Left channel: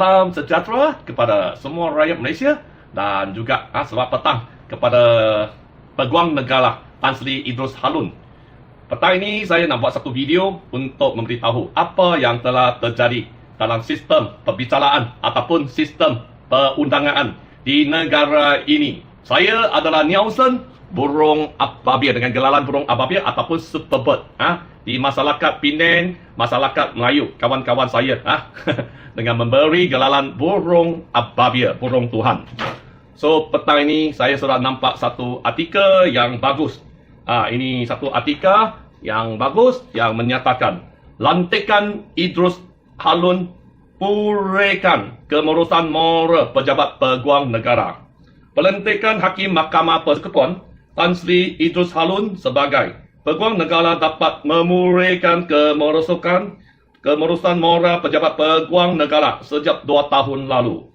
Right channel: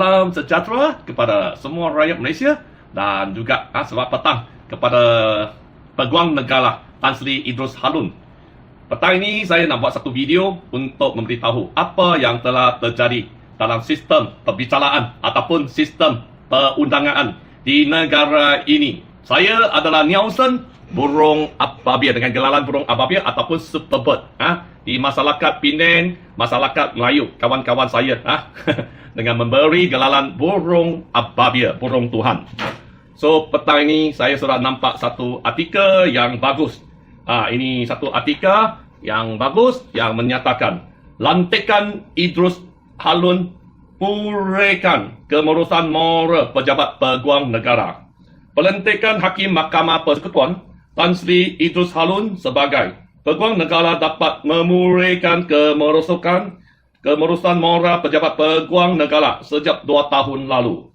Salam sejahtera kepada semua rakyat Malaysia dan juga selamat petang kepada Peguam Negara Tan Sri Idrus Harun. Petang ini saya nak buat satu video untuk memberitahu apa yang telah terjadi dalam sistem perbicaraan ataupun sistem perundangan di negara ini. Saya adalah Nielsen, burung apabia dengan gelaran burung apabia ataupun superbird di masyarakat Penang, masyarakat Melayu, kawan-kawan saya dengan memberi gelaran burung apabia, burung Tuhan. So petang ini saya sudah nampak satu artikel yang bagus. Ini satu artikel yang bagus yang menyatakan lantikan Idrus Harun puraikan kemerosan moral pejabat peguam negara. Pelantikan Hakim Mahkamah Persekutuan Tan Sri Idrus Harun sebagai peguam negara dapat memuraikan kemerosan moral pejabat peguam negara sejak 2 tahun lalu.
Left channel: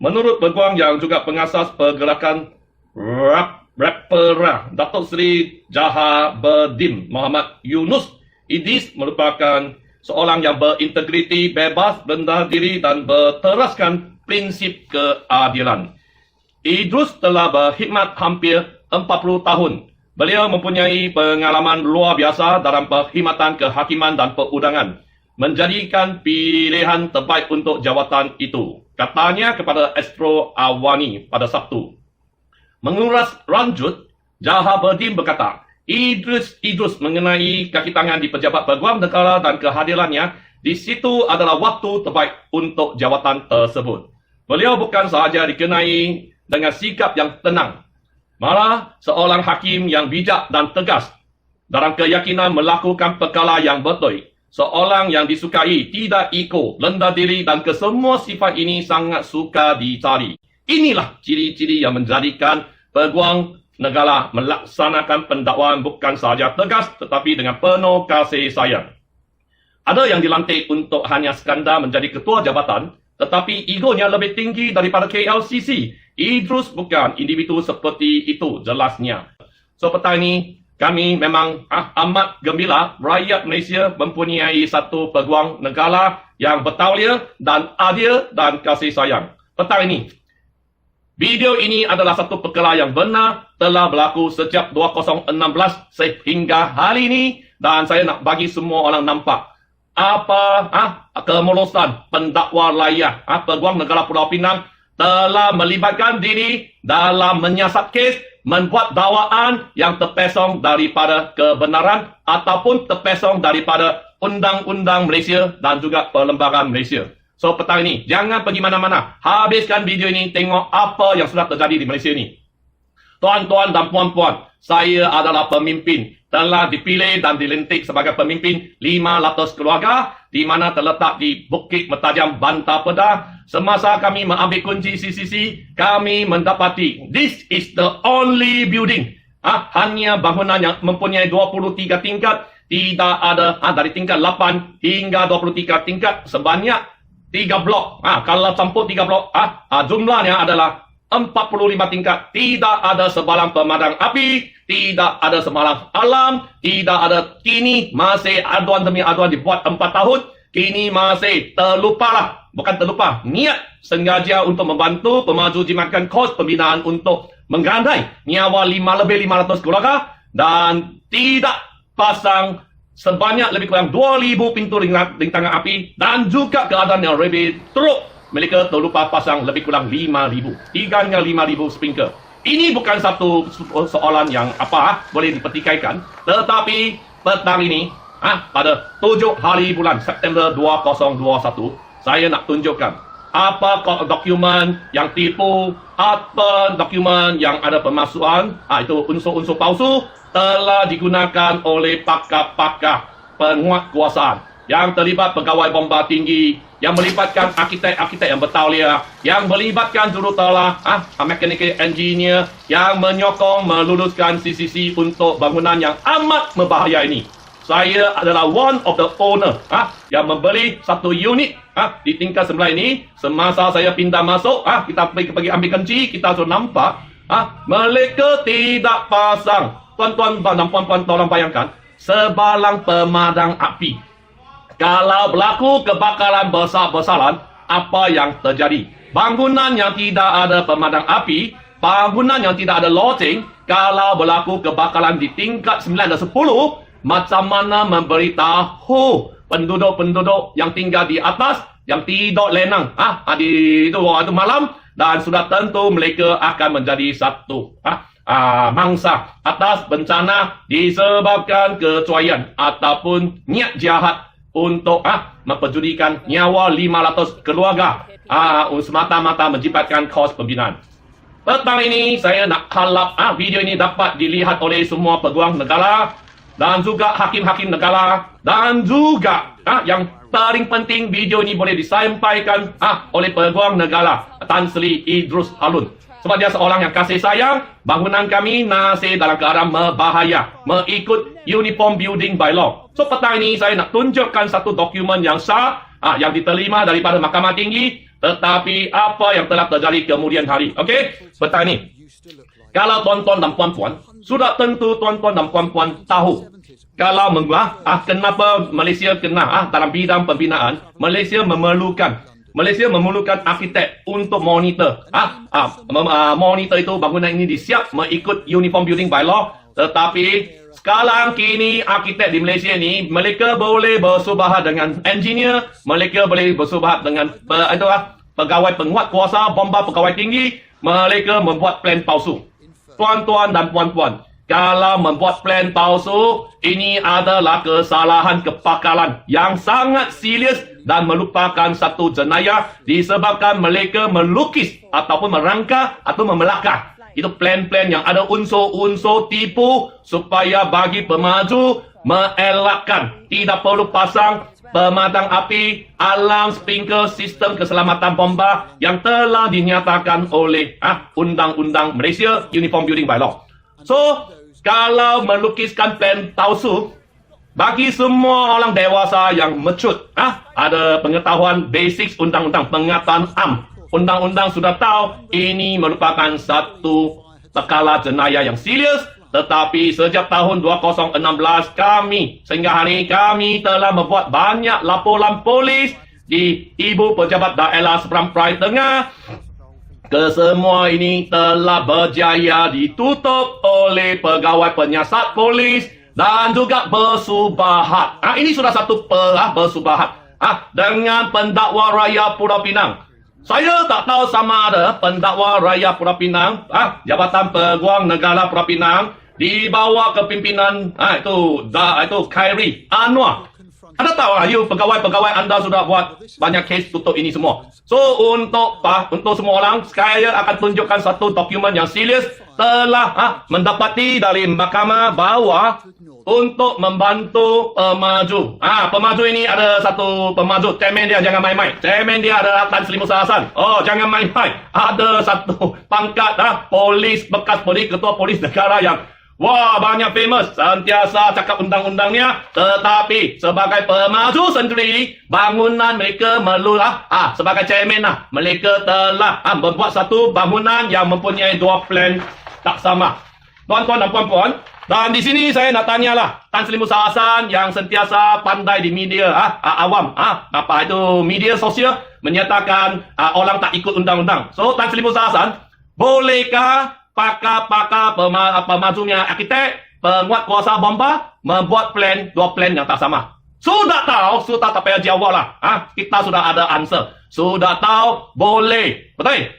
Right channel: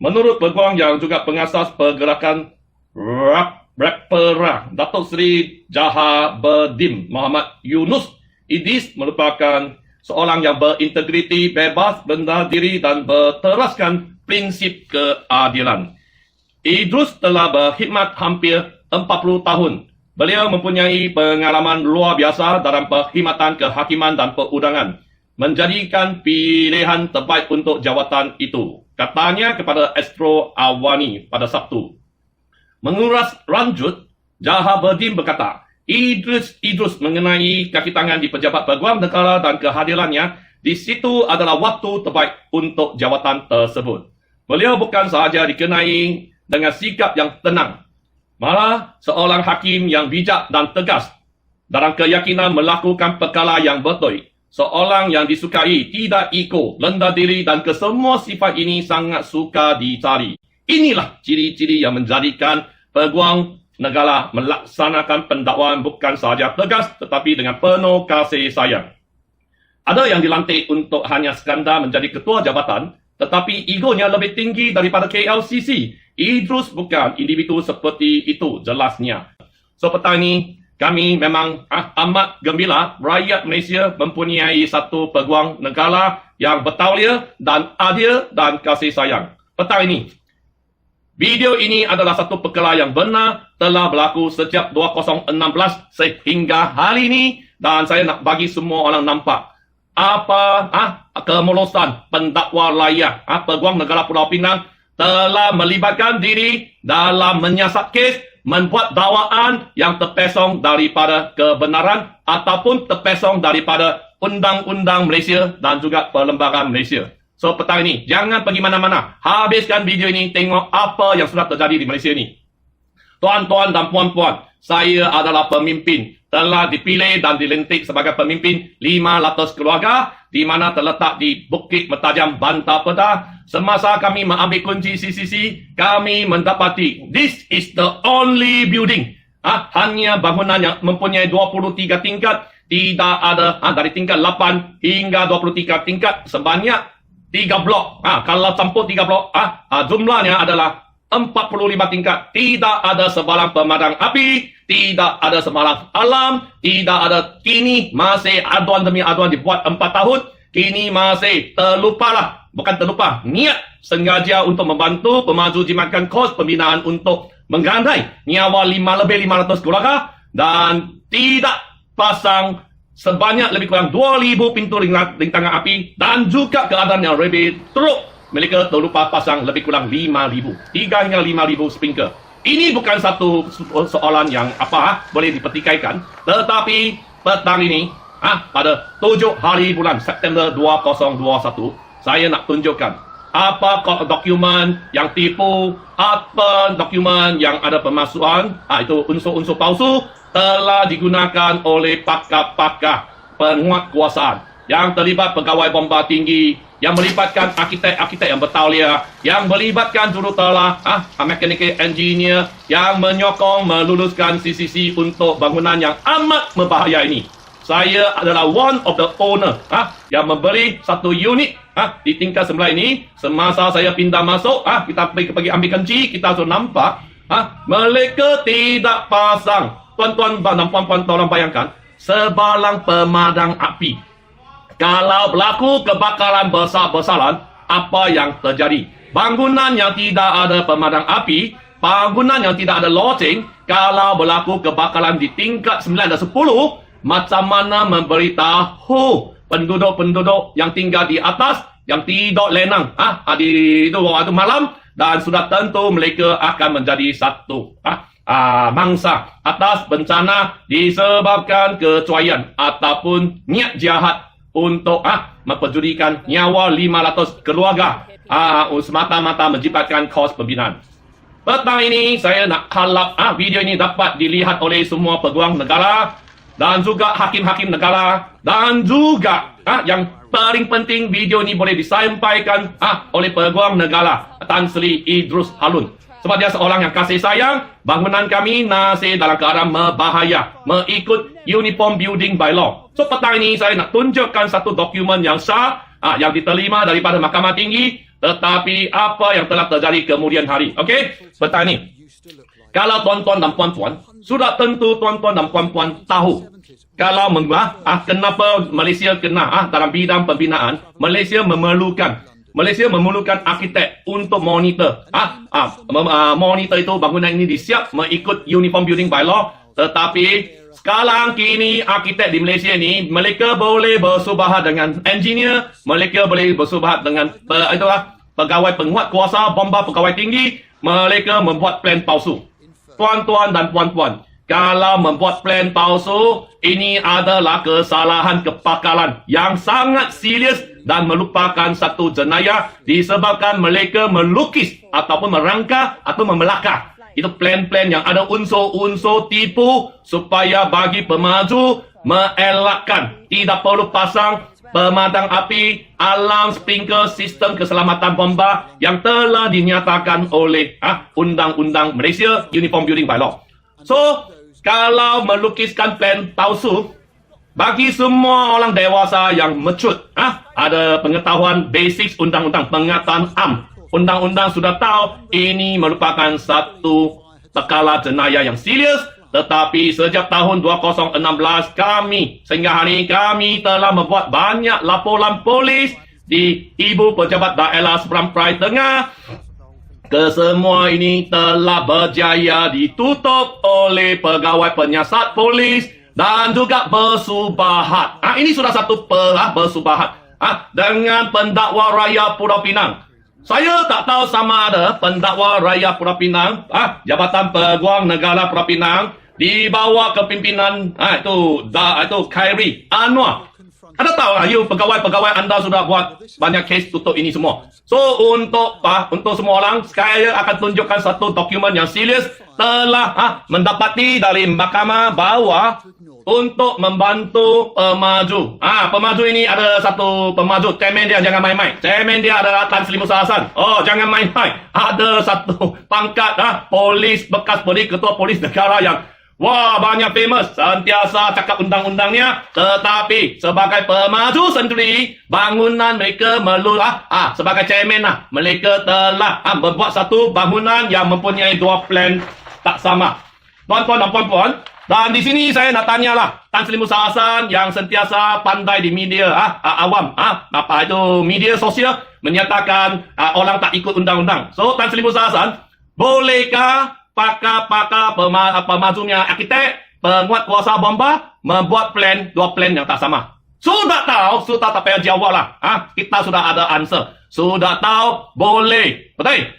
Menurut peguam yang juga pengasas pergerakan Rapper Datuk Seri Jahabuddin Muhammad Yunus, Idris merupakan seorang yang berintegriti, bebas, rendah diri dan berteraskan prinsip keadilan. Idrus telah berkhidmat hampir 40 tahun. Beliau mempunyai pengalaman luar biasa dalam perkhidmatan kehakiman dan perundangan, menjadikan pilihan terbaik untuk jawatan itu, katanya kepada Astro Awani pada Sabtu. Menguras lanjut, Jahabuddin berkata, Idrus mengenai kaki tangan di pejabat peguam negara dan kehadirannya di situ adalah waktu terbaik untuk jawatan tersebut. Beliau bukan sahaja dikenai dengan sikap yang tenang, malah seorang hakim yang bijak dan tegas dalam keyakinan melakukan perkara yang betul. Seorang yang disukai, tidak ego, rendah diri dan kesemua sifat ini sangat suka dicari. Inilah ciri-ciri yang menjadikan peguam negara melaksanakan pendakwaan bukan sahaja tegas tetapi dengan penuh kasih sayang. Ada yang dilantik untuk hanya sekadar menjadi ketua jabatan, tetapi egonya lebih tinggi daripada KLCC. Idrus bukan individu seperti itu jelasnya. So petang ini kami memang amat gembira rakyat Malaysia mempunyai satu peguam negara yang bertauliah dan adil dan kasih sayang. Petang ini, video ini adalah satu perkara yang benar telah berlaku sejak 2016 sehingga hari ini, dan saya nak bagi semua orang nampak apa kemerosan pendakwa layak peguam negara Pulau Pinang telah melibatkan diri dalam menyiasat kes, membuat dakwaan yang terpesong daripada kebenaran ataupun terpesong daripada undang-undang Malaysia dan juga perlembagaan Malaysia. So petang ini, jangan pergi mana-mana. Habiskan video ini, tengok apa yang sudah terjadi di Malaysia ini. Tuan-tuan dan puan-puan, saya adalah pemimpin. Telah dipilih dan dilantik sebagai pemimpin 500 keluarga di mana terletak di Bukit Metajam, Bantar Pedah. Semasa kami mengambil kunci CCC, kami mendapati this is the only building. Hanya bangunan yang mempunyai 23 tingkat. Tidak ada dari tingkat 8 hingga 23 tingkat sebanyak 3 blok. Kalau campur 3 blok, jumlahnya adalah 45 tingkat. Tidak ada sebarang pemadam api, tidak ada sebarang alam, tidak ada. Kini masih aduan demi aduan dibuat 4 tahun. Kini masih terlupalah, bukan terlupa, niat sengaja untuk membantu pemaju jimatkan kos pembinaan untuk menggerantai nyawa lebih 500 keluarga dan tidak pasang sebanyak lebih kurang 2,000 pintu rintangan api dan juga keadaan yang lebih teruk. Mereka terlupa pasang lebih kurang 5,000. 5,000 sprinkler. Ini bukan satu soalan yang boleh dipertikaikan. Tetapi petang ini, pada 7 hari bulan September 2021, saya nak tunjukkan apa dokumen yang tipu, apa dokumen yang ada pemalsuan, itu unsur-unsur palsu telah digunakan oleh pakar-pakar penguat kuasaan yang terlibat pegawai bomba tinggi, yang melibatkan arkitek-arkitek yang bertauliah, yang melibatkan jurutelah, mechanical engineer, yang menyokong meluluskan CCC untuk bangunan yang amat berbahaya ini. Saya adalah one of the owner yang membeli satu unit di tingkat sebelah ini. Semasa saya pindah masuk, kita pergi ambil kunci, kita langsung nampak mereka tidak pasang. Tuan-tuan dan puan-puan, tolong bayangkan sebalang pemadam api. Kalau berlaku kebakaran besar-besaran, apa yang terjadi. Bangunan yang tidak ada pemadam api, bangunan yang tidak ada lodging, kalau berlaku kebakaran di tingkat 9 dan 10, macam mana memberitahu penduduk-penduduk yang tinggal di atas, yang tidur lenang di waktu malam, dan sudah tentu mereka akan menjadi satu mangsa atas bencana disebabkan kecuaian ataupun niat jahat untuk memperjudikan nyawa 500 keluarga semata-mata menciptakan kos pembinaan. Petang ini saya nak harap video ini dapat dilihat oleh semua peguam negara dan juga hakim-hakim negara, dan juga yang paling penting video ini boleh disampaikan oleh peguam negara Tan Sri Idrus Harun. Sebab dia seorang yang kasih sayang, bangunan kami masih dalam keadaan berbahaya mengikut Uniform Building Bylaw. So petang ini saya nak tunjukkan satu dokumen yang sah yang diterima daripada Mahkamah Tinggi, tetapi apa yang telah terjadi kemudian hari. Okey, petang ini. Kalau tuan-tuan dan puan-puan, sudah tentu tuan-tuan dan puan-puan tahu kalau kenapa Malaysia kena dalam bidang pembinaan, Malaysia memerlukan arkitek untuk monitor. Monitor itu bangunan ini disiap mengikut Uniform Building Bylaw, tetapi sekarang kini arkitek di Malaysia ni mereka boleh bersubahat dengan engineer, mereka boleh bersubahat dengan pegawai penguat kuasa bomba pegawai tinggi, mereka membuat plan palsu. Tuan-tuan dan puan-puan, kalau membuat plan palsu, ini adalah kesalahan kepakaran yang sangat serius dan merupakan satu jenayah disebabkan mereka melukis ataupun merangka atau memelakar. Itu plan-plan yang ada unsur-unsur tipu supaya bagi pemaju mengelakkan. Tidak perlu pasang pemadam api, alarm, sprinkler, sistem keselamatan bomba yang telah dinyatakan oleh Undang-Undang Malaysia Uniform Building Bylaw. So, kalau melukiskan plan palsu, bagi semua orang dewasa yang mature, ada pengetahuan basic undang-undang, pengetahuan undang-undang sudah tahu ini merupakan satu perkara jenayah yang serius. Tetapi sejak tahun 2016 kami, sehingga hari kami telah membuat banyak laporan polis di Ibu Pejabat Daerah Seberang Perai Tengah. Kesemua ini telah berjaya ditutup oleh pegawai penyiasat polis dan juga bersubahat. Ini sudah satu bersubahat dengan pendakwa raya Pulau Pinang. Saya tak tahu sama ada pendakwa raya Pulau Pinang, Jabatan Peguam Negara Pulau Pinang, di bawah kepimpinan itu Khairi Anwar. Anda tahu pegawai-pegawai anda sudah buat banyak kes tutup ini semua. So untuk semua orang, saya akan tunjukkan satu dokumen yang serius telah mendapati dari mahkamah bahawa untuk membantu pemaju. Pemaju ini ada satu pemaju, cemen dia jangan main-main. Cemen dia adalah Tan Sri Musa Hassan. Oh, jangan main-main. Ada satu pangkat polis, bekas polis, ketua polis negara yang banyak famous, sentiasa cakap undang-undangnya, tetapi sebagai pemaju sendiri, bangunan mereka sebagai chairman mereka telah membuat satu bangunan yang mempunyai dua plan tak sama. Tuan-tuan dan puan-puan, dan di sini saya nak tanyalah Tan Sri Musa Hassan yang sentiasa pandai di media awam, media sosial menyatakan orang tak ikut undang-undang. So Tan Sri Musa Hassan, bolehkah pakar-pakar pemajunya arkitek, penguat kuasa bomba membuat dua plan yang tak sama? Sudah tahu, sudah tak payah jawab lah. Kita sudah ada answer. Sudah tahu, boleh. Betul?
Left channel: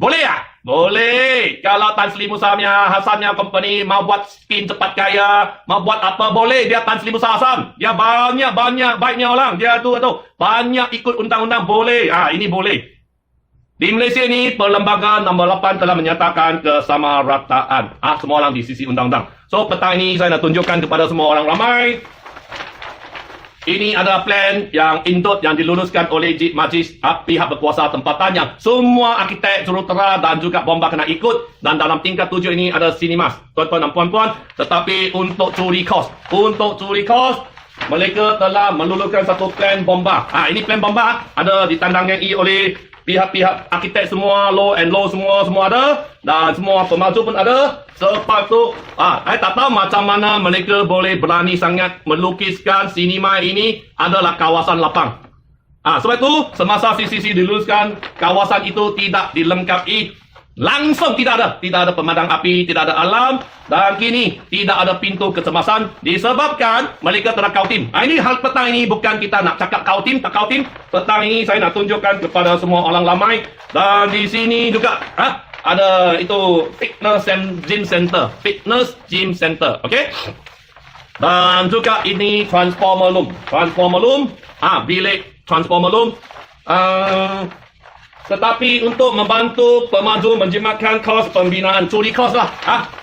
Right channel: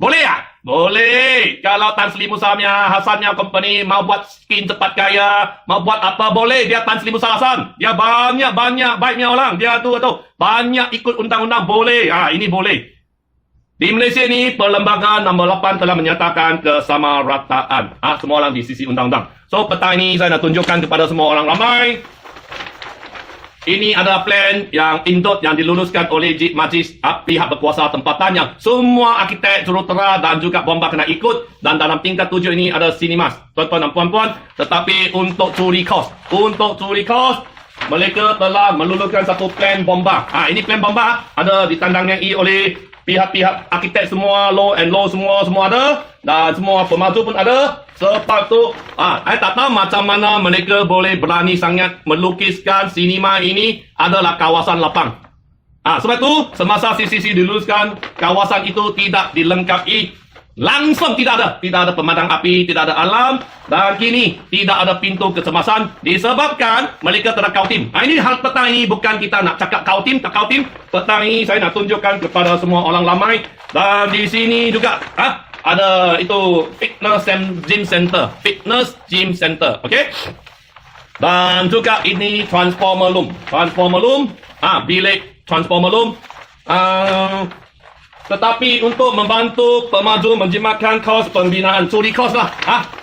Boleh ya? Boleh. Kalau Tan Sri Musa Hassan yang company mau buat skin cepat kaya, mau buat apa, boleh. Dia Tan Sri Musa Hassan. Dia banyak baiknya orang. Dia tu banyak ikut undang-undang, boleh. Ini boleh. Di Malaysia ini, perlembagaan nombor 8 telah menyatakan kesamarataan. Semua orang di sisi undang-undang. So, petang ini saya nak tunjukkan kepada semua orang ramai. Ini adalah plan yang indut yang diluluskan oleh Majlis pihak berkuasa tempatan yang semua arkitek, jurutera dan juga bomba kena ikut. Dan dalam tingkat 7 ini ada sinimas. Tuan-tuan dan puan-puan. Tetapi untuk curi kos, mereka telah meluluskan satu plan bomba. Ini plan bomba ada ditandangani oleh pihak-pihak arkitek semua, law and law semua ada, dan semua pemaju pun ada. Lepas tu, saya tak tahu macam mana mereka boleh berani sangat melukiskan sinema ini adalah kawasan lapang. Sebab itu semasa CCC diluluskan, kawasan itu tidak dilengkapi, langsung tidak ada pemadam api, tidak ada alarm, dan kini tidak ada pintu kecemasan disebabkan mereka tidak kautim. Ini hal petang ini bukan kita nak cakap kautim, tak kautim. Petang ini saya nak tunjukkan kepada semua orang ramai. Dan di sini juga ada itu fitness and gym center, okey. Dan juga ini transformer room, bilik transformer room. Tetapi untuk membantu pemaju menjimatkan kos pembinaan curi kos lah.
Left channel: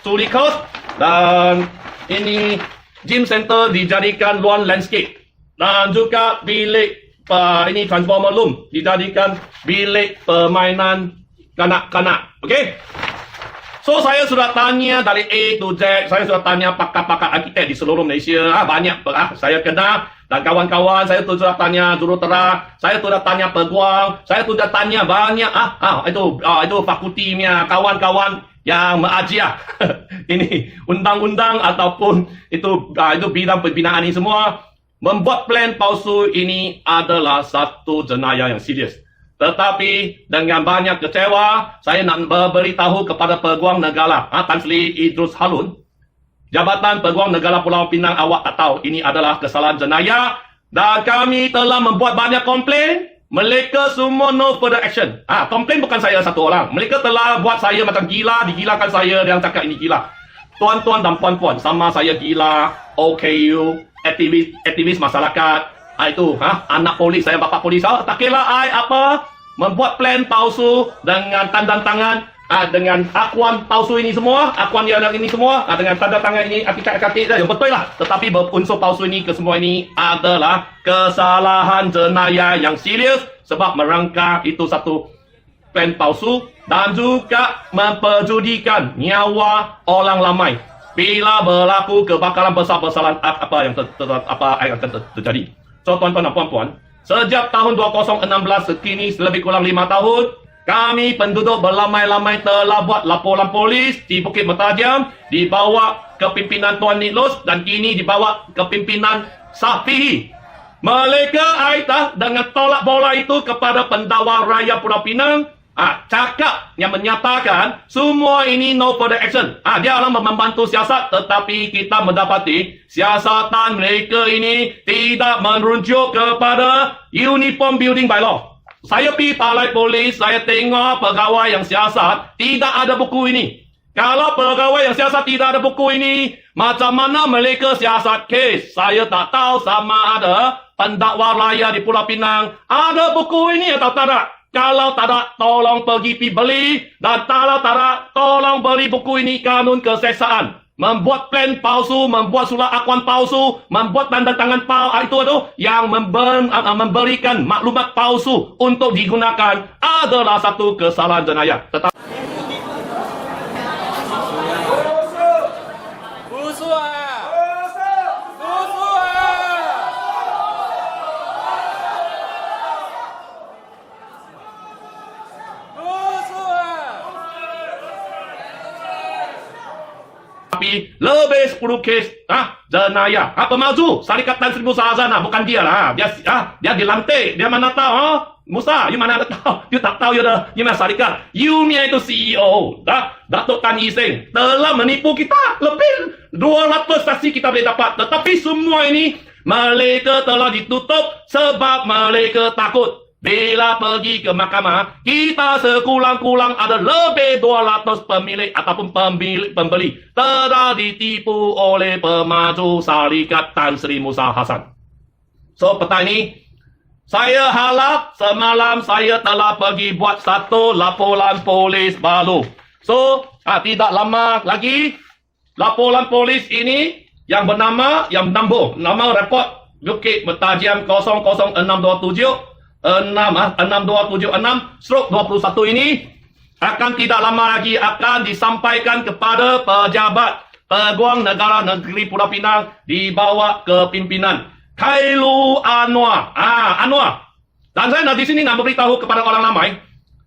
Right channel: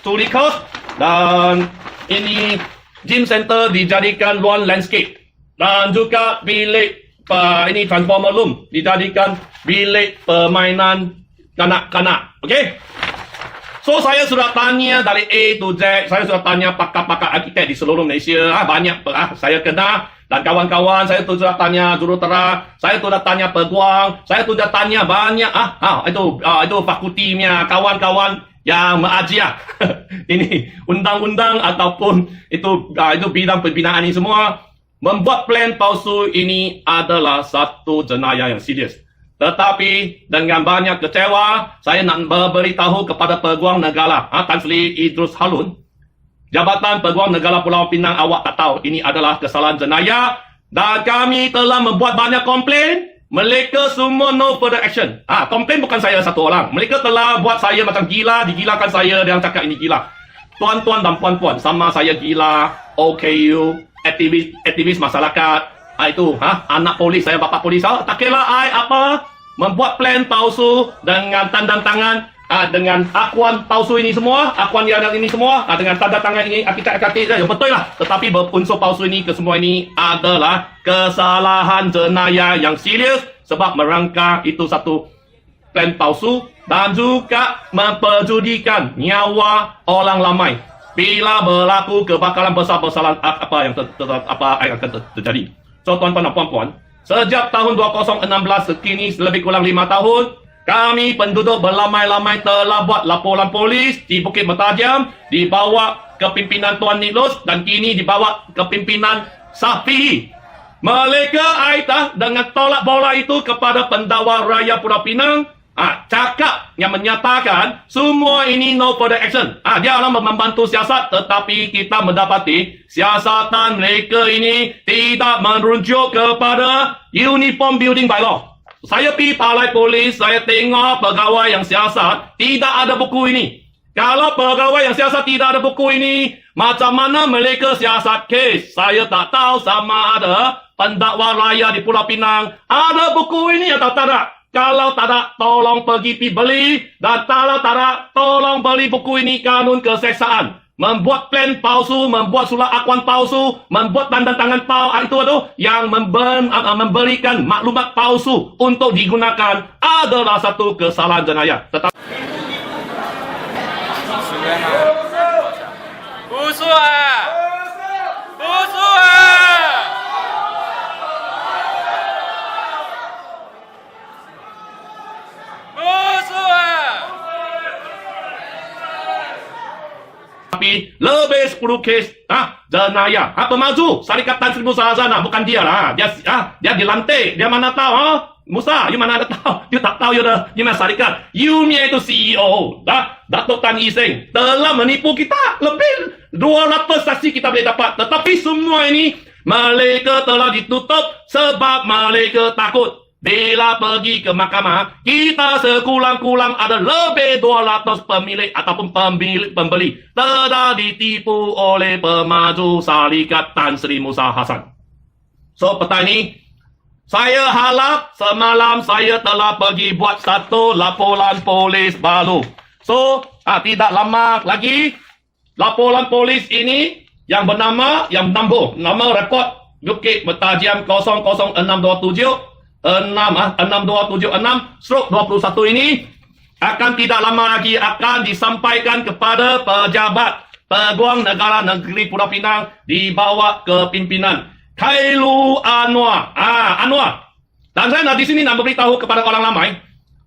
Curi kos. Dan ini gym center dijadikan lawn landscape. Dan juga bilik ini transformer room dijadikan bilik permainan kanak-kanak. Okey? So saya sudah tanya dari A to Z, saya sudah tanya pakar-pakar arkitek di seluruh Malaysia, banyak saya kenal, dan kawan-kawan saya tu sudah tanya jurutera, saya sudah tanya peguam, saya sudah tanya banyak itu fakultinya kawan-kawan yang mengajar ini undang-undang ataupun itu bidang pembinaan ini semua. Membuat plan palsu ini adalah satu jenayah yang serius. Tetapi dengan banyak kecewa, saya nak beritahu kepada Peguam Negara Tan Sri Idrus Harun, Jabatan Peguam Negara Pulau Pinang, awak tak tahu ini adalah kesalahan jenayah dan kami telah membuat banyak komplain. Mereka semua no further action. Komplain bukan saya satu orang. Mereka telah buat saya macam gila, digilakan saya dan cakap ini gila. Tuan-tuan dan puan-puan, sama saya gila, OKU, aktivis masyarakat, anak polis, saya bapa polis, tak kira apa, membuat plan palsu dengan tanda tangan, dengan akuan palsu ini semua, akuan yang ini semua, dengan tanda tangan ini, artikel yang betul lah. Tetapi unsur palsu ini, kesemua ini adalah kesalahan jenayah yang serius sebab merangka itu satu plan palsu dan juga memperjudikan nyawa orang ramai. Bila berlaku kebakaran besar-besaran apa yang akan terjadi. So tuan-tuan dan puan-puan, sejak tahun 2016 sekini lebih kurang 5 tahun, kami penduduk berlamai-lamai telah buat laporan polis di Bukit Mertajam, dibawa ke pimpinan Tuan Niklus dan kini dibawa ke pimpinan SAPI. Mereka dengan tolak bola itu kepada pendakwa raya Pulau Pinang, cakap yang menyatakan semua ini no further action. Dia orang membantu siasat, tetapi kita mendapati siasatan mereka ini tidak merujuk kepada Uniform Building Bylaw. Saya pergi balai polis, saya tengok pegawai yang siasat tidak ada buku ini. Kalau pegawai yang siasat tidak ada buku ini, macam mana mereka siasat kes? Saya tak tahu sama ada pendakwa raya di Pulau Pinang ada buku ini atau tak ada. Kalau tak ada, tolong pergi beli. Dan kalau tak ada, tolong beli buku ini, Kanun Keseksaan. Membuat plan palsu, membuat surat akuan palsu, membuat tanda tangan yang memberikan maklumat palsu untuk digunakan adalah satu kesalahan jenayah. Tapi lebih 10 kes jenayah. Pemaju Syarikat Tan Sri Musa Hazana, bukan dia lah. Dia dilantik. Dia mana tahu? Musa, you mana tahu? You tak tahu you dah syarikat. You ni itu CEO. Datuk Tan Iseng telah menipu kita. Lebih 200 saksi kita boleh dapat. Tetapi semua ini mereka telah ditutup sebab mereka takut. Bila pergi ke mahkamah, kita sekurang-kurang ada lebih 200 pemilik ataupun pembeli telah ditipu oleh pemaju Syarikat Tan Sri Musa Hasan. So petang ini, saya harap semalam saya telah pergi buat satu laporan polis baru. So tidak lama lagi, laporan polis ini yang bernama, nama report Bukit Mertajam 00627 6276/21 ini akan tidak lama lagi akan disampaikan kepada pejabat Peguam Negara Negeri Pulau Pinang dibawa ke pimpinan Khairul Anwar. Anwar. Dan saya di sini nak beritahu kepada orang ramai,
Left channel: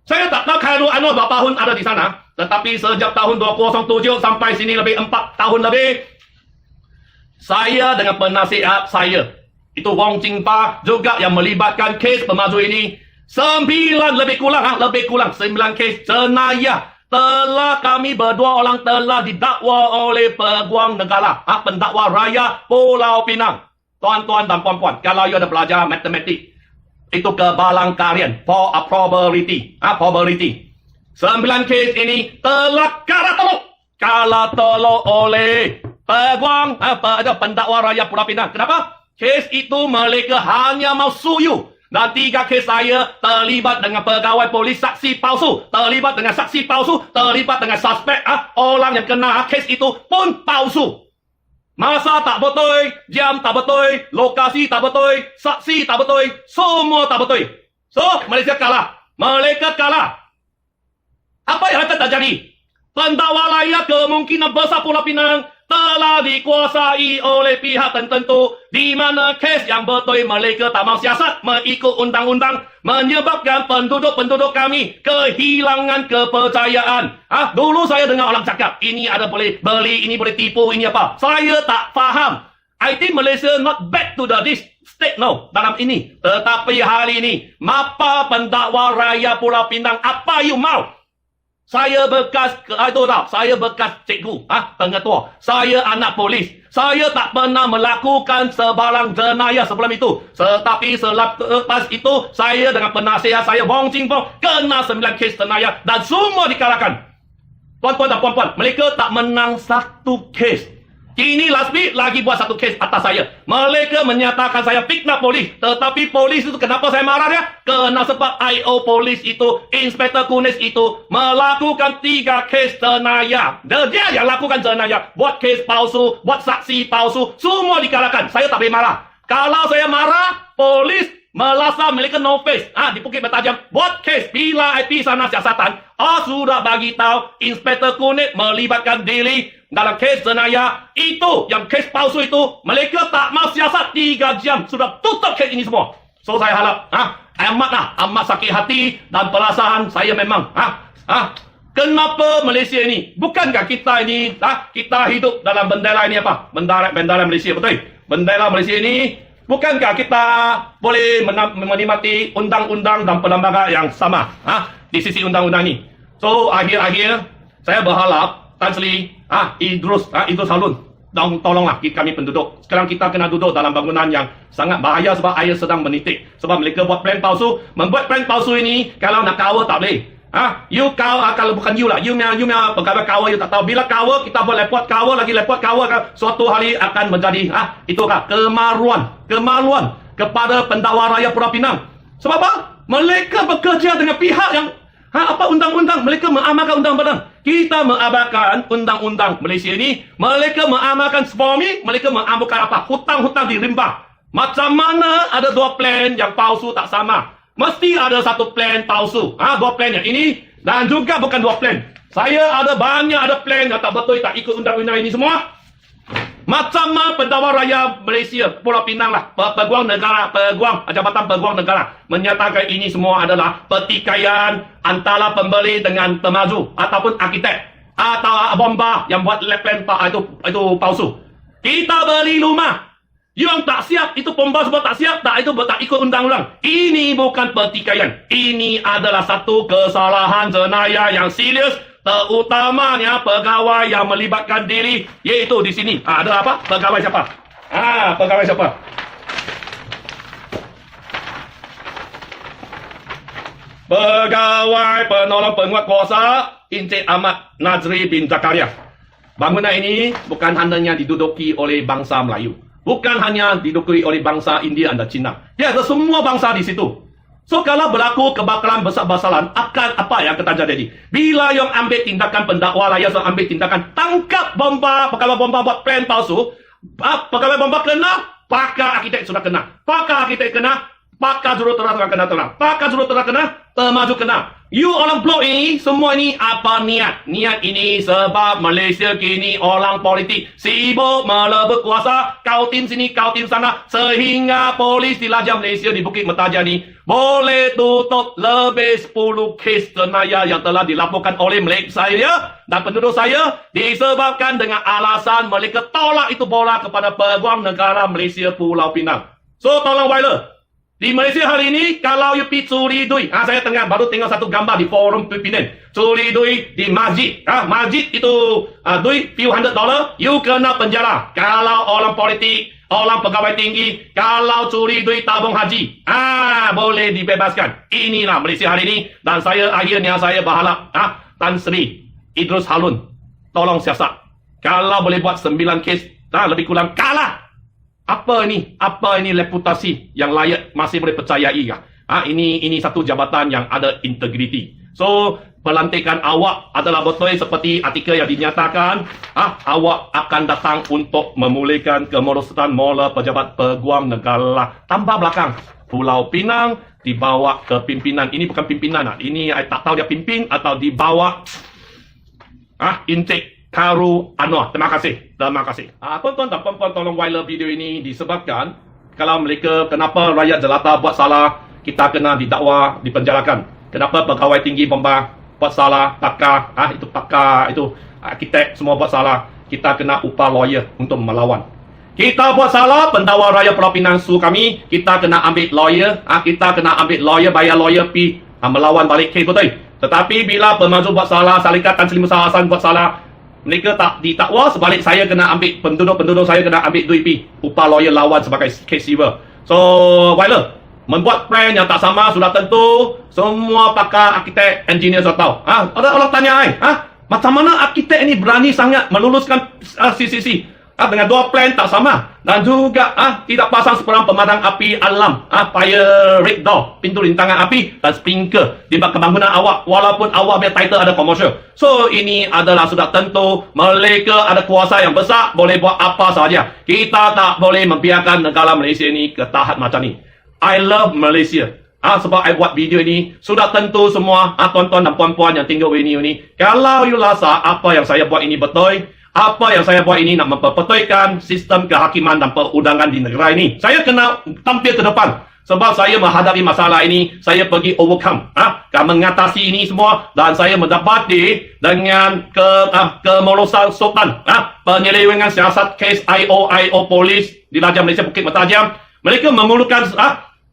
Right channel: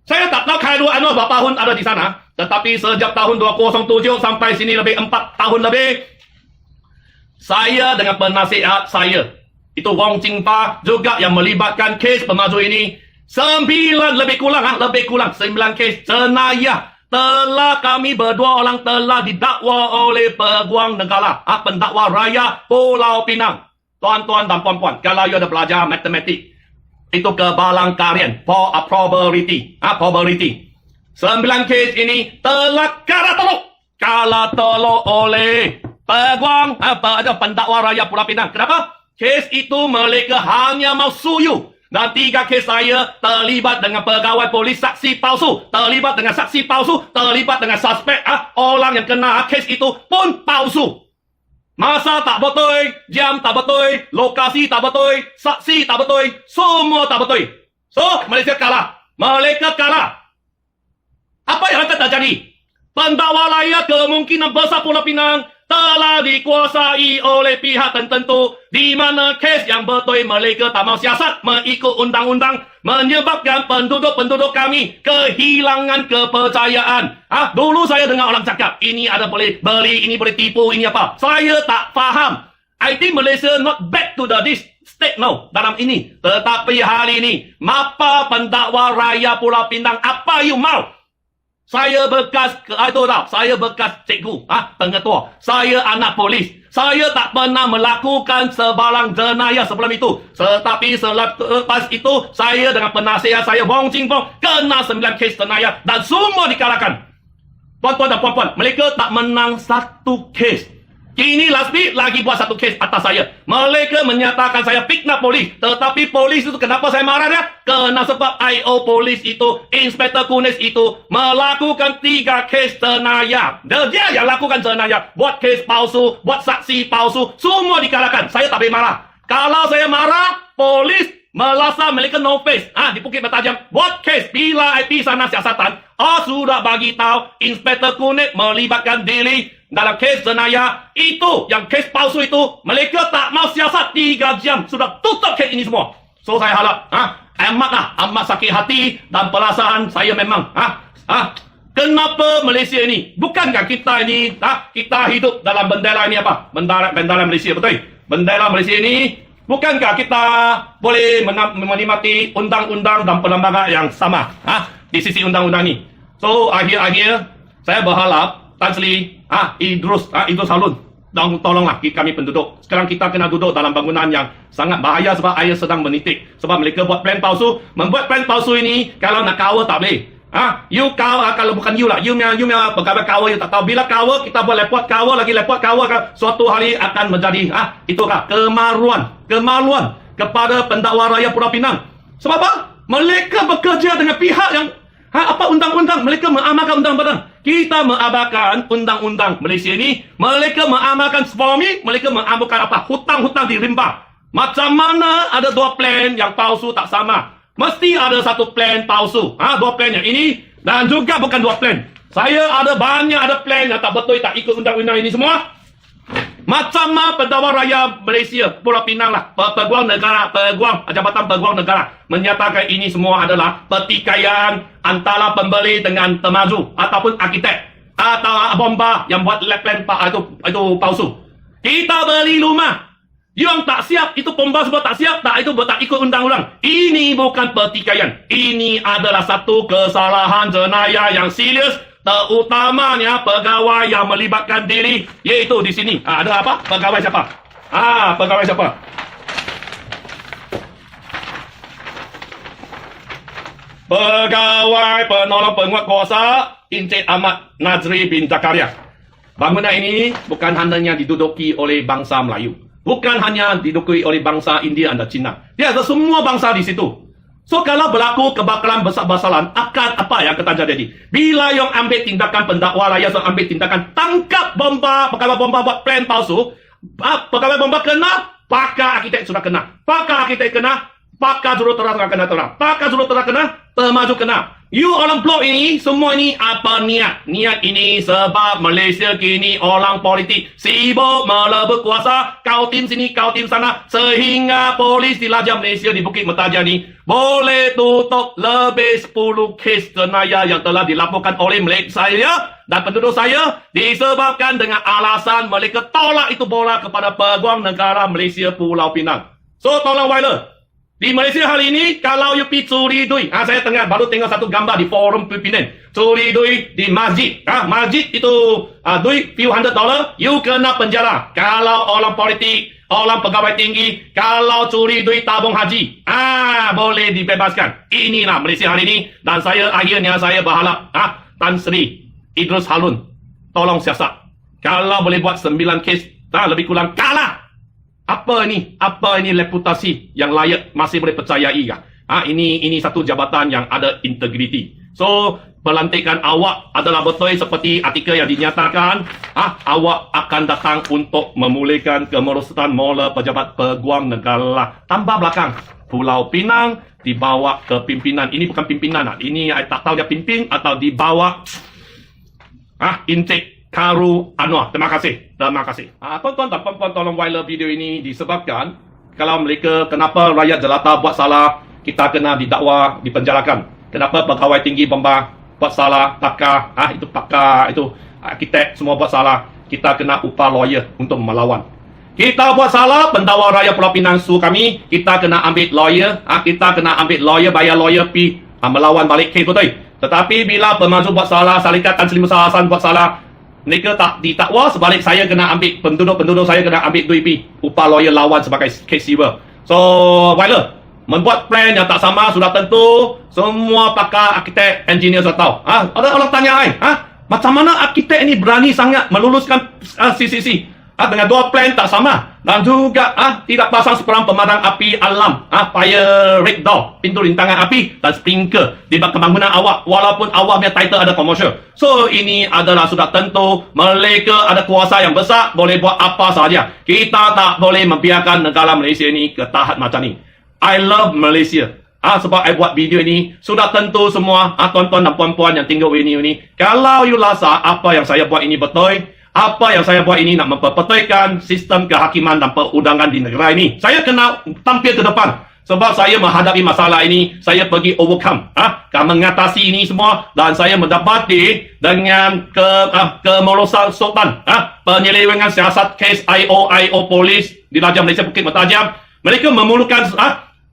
saya tak tahu Khairul Anwar berapa tahun ada di sana, tetapi sejak tahun 2007 sampai sini lebih 4 tahun lebih, saya dengan penasihat saya itu Wong Jingpa juga yang melibatkan kes pemaju ini. 9 lebih kurang 9 kes jenayah telah kami berdua orang telah didakwa oleh peguam negara, pendakwa raya Pulau Pinang. Tuan-tuan dan puan-puan, kalau you ada belajar matematik, itu kebalang kalian for a probability. 9 kes ini telah kalah tolong oleh peguam pendakwa raya Pulau Pinang. Kenapa? Kes itu mereka hanya mau suyu. Dan 3 kes saya terlibat dengan pegawai polis saksi palsu, terlibat dengan saksi palsu, terlibat dengan suspek. Orang yang kena kes itu pun palsu. Masa tak betul, jam tak betul, lokasi tak betul, saksi tak betul, semua tak betul. So, Malaysia kalah. Mereka kalah. Apa yang akan terjadi? Pendakwa raya kemungkinan besar Pulau Pinang telah dikuasai oleh pihak tertentu di mana kes yang betul mereka tak mau siasat mengikut undang-undang menyebabkan penduduk-penduduk kami kehilangan kepercayaan. Dulu saya dengar orang cakap ini ada boleh beli, ini boleh tipu, ini apa. Saya tak faham. I think Malaysia not back to this state now dalam ini. Tetapi hari ini mapa pendakwa raya Pulau Pinang apa you mau? Saya bekas saya bekas cikgu, pengetua. Saya anak polis. Saya tak pernah melakukan sebarang jenayah sebelum itu. Tetapi selepas itu, saya dengan penasihat saya, Wong Jingpa, kena 9 kes jenayah dan semua dikalahkan. Tuan-tuan dan puan-puan, mereka tak menang 1 kes. Kini lagi buat 1 kes atas saya. Mereka menyatakan saya fitnah polis. Tetapi polis itu kenapa saya marahnya? Kerana sebab IO polis itu, Inspektor Kunis itu melakukan 3 kes jenayah. Dia yang lakukan jenayah. Buat kes palsu, buat saksi palsu. Semua dikalahkan. Saya tak boleh marah. Kalau saya marah, polis melasa mereka no face. Di Bukit Bertajam. Buat kes bila IP sana siasatan. Sudah bagi tahu Inspektor Kunis melibatkan diri dalam kes jenayah itu, yang kes palsu itu, mereka tak mau siasat 3 jam. Sudah tutup kes ini semua. So saya harap, amat sakit hati dan perasaan saya memang. Kenapa Malaysia ini? Bukankah kita ini, kita hidup dalam bendera ini apa? Bendera Malaysia, betul? Bendera Malaysia ini, bukankah kita boleh menikmati undang-undang dan perlembagaan yang sama di sisi undang-undang ini? So akhir-akhir saya berharap Tan Sri, Idrus, itu Salun, dan tolonglah kami penduduk. Sekarang kita kena duduk dalam bangunan yang sangat bahaya sebab air sedang menitik. Sebab mereka buat plan palsu. Membuat plan palsu ini, kalau nak kawal tak boleh. You kawal, kalau bukan you lah. You memang pegawai kawal, you tak tahu. Bila kawal, kita buat lepot kawal, lagi lepot kawal, suatu hari akan menjadi, itukah kemaluan kepada pendakwa raya Pulau Pinang. Sebab apa? Mereka bekerja dengan pihak yang apa undang-undang, mereka mengamalkan undang-undang. Kita mengamalkan undang-undang Malaysia ini, mereka mengamalkan SPOMI, mereka mengamalkan apa? Hutang-hutang di rimba. Macam mana ada 2 plan yang palsu tak sama? Mesti ada 1 plan palsu. 2 plan yang ini dan juga bukan 2 plan. Saya ada banyak plan yang tak betul, tak ikut undang-undang ini semua. Macam mana pendakwa raya Malaysia Pulau Pinang lah, peguam negara, Jabatan Peguam Negara menyatakan ini semua adalah pertikaian antara pembeli dengan temaju ataupun arkitek atau bomba yang buat lab plan itu palsu. Kita beli rumah, yang tak siap itu bomba sebab tak siap, itu tak ikut undang-undang. Ini bukan pertikaian, ini adalah satu kesalahan jenayah yang serius. Terutamanya pegawai yang melibatkan diri, yaitu di sini. Ada apa? Pegawai siapa? Pegawai siapa? Pegawai penolong penguatkuasa Encik Ahmad Nazri bin Zakaria. Bangunan ini bukan hanya diduduki oleh bangsa Melayu. Bukan hanya diduduki oleh bangsa India dan Cina. Ya, ada semua bangsa di situ. So, kalau berlaku kebakaran besar-besaran, akan apa yang akan terjadi? Bila yang ambil tindakan pendakwa raya, ambil tindakan tangkap bomba, pegawai bomba buat plan palsu, pegawai bomba kena, pakar arkitek sudah kena. Pakar arkitek kena, pakar juruterang kena. Pakar juruterang kena, temaju kena. You orang blok ini, semua ini apa niat? Niat ini sebab Malaysia kini orang politik sibuk melebut kuasa, kau tim sini, kau tim sana, sehingga polis di Raja Malaysia di Bukit Mertajam ni boleh tutup lebih 10 kes jenayah yang telah dilaporkan oleh saya dan penduduk saya disebabkan dengan alasan mereka tolak itu bola kepada Peguam Negara Malaysia Pulau Pinang. So tolong Wyler, di Malaysia hari ini kalau you pergi curi duit, saya baru tengok satu gambar di forum pimpinan, curi duit di masjid, masjid itu duit few $100, you kena penjara. Kalau orang politik, orang pegawai tinggi, kalau curi duit tabung haji, boleh dibebaskan. Inilah Malaysia hari ini, dan akhirnya saya berharap Tan Sri Idrus Harun tolong siasat. Kalau boleh buat 9 kes, lebih kurang kalah. Apa ini reputasi yang layak masih boleh percayai kah? Ini satu jabatan yang ada integriti. So, pelantikan awak adalah betul seperti artikel yang dinyatakan, awak akan datang untuk memulihkan kemerosotan mula pejabat peguam negara. Tambah belakang, Pulau Pinang dibawa ke pimpinan. Ini bukan pimpinan, ini saya tak tahu dia pimpin atau dibawa Encik Karu Anwar. Terima kasih. Tuan-tuan dan puan-puan, tolong viral video ini disebabkan kalau mereka, kenapa rakyat jelata buat salah, kita kena didakwa, dipenjarakan. Kenapa pegawai tinggi bomba buat salah, pakar, itu arkitek semua buat salah, kita kena upah lawyer untuk melawan. Kita buat salah, pendakwa raya Pulau Pinang suruh kami, kita kena ambil lawyer, bayar lawyer pi melawan balik kes, betul. Tetapi bila pemaju buat salah, Syarikat Tan Sri Musa Hasan buat salah, mereka tak ditakwa, sebalik saya kena ambil, penduduk saya kena ambil duit pi upah lawyer lawan sebagai case receiver. So, Wyler, membuat plan yang tak sama sudah tentu semua pakar arkitek, engineer sudah tahu. Orang tanya macam mana arkitek ini berani sangat meluluskan CCC dengan dua plan tak sama, dan juga tidak pasang sekurang pemadam api alam, fire red door, pintu rintangan api dan sprinkler di kebangunan awak, walaupun awak punya title ada commercial. So ini adalah sudah tentu mereka ada kuasa yang besar, boleh buat apa sahaja. Kita tak boleh membiarkan negara Malaysia ini ke tahap macam ni. I love Malaysia. Sebab I buat video ini, sudah tentu semua tuan-tuan dan puan-puan yang tengok video ini, kalau you rasa apa yang saya buat ini betul, apa yang saya buat ini nak memperbetulkan sistem kehakiman dan perundangan di negara ini, saya kena tampil ke depan. Sebab saya menghadapi masalah ini, saya pergi overcome, mengatasi ini semua, dan saya mendapati dengan kemerosotan, penyelewengan siasat kes IO polis di Raja Malaysia Bukit Mertajam. Mereka memerlukan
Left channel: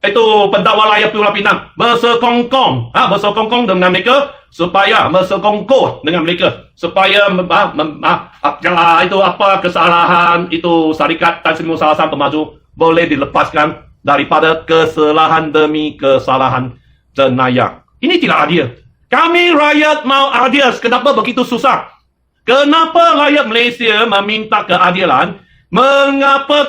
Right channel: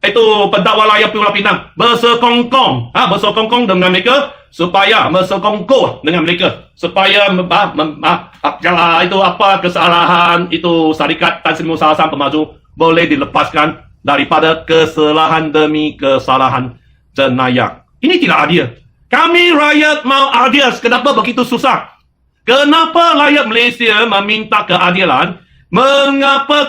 itu pendakwa raya Pulau Pinang bersekongkong dengan mereka, supaya bersekongkong dengan mereka, supaya kalau itu apa kesalahan itu Syarikat Tan Sri Musa Hasan pemaju boleh dilepaskan daripada kesalahan demi kesalahan jenayah. Ini tidak adil. Kami rakyat mau adil. Kenapa begitu susah? Kenapa rakyat Malaysia meminta keadilan? Mengapa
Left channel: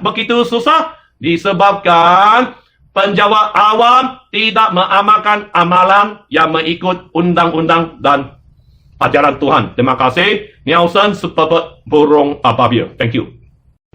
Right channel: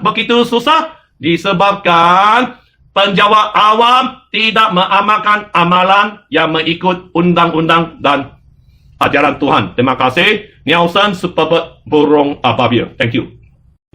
begitu susah? Disebabkan penjawat awam tidak mengamalkan amalan yang mengikut undang-undang dan ajaran Tuhan. Terima kasih. Nielsen Superbird Burung Ababil. Thank you.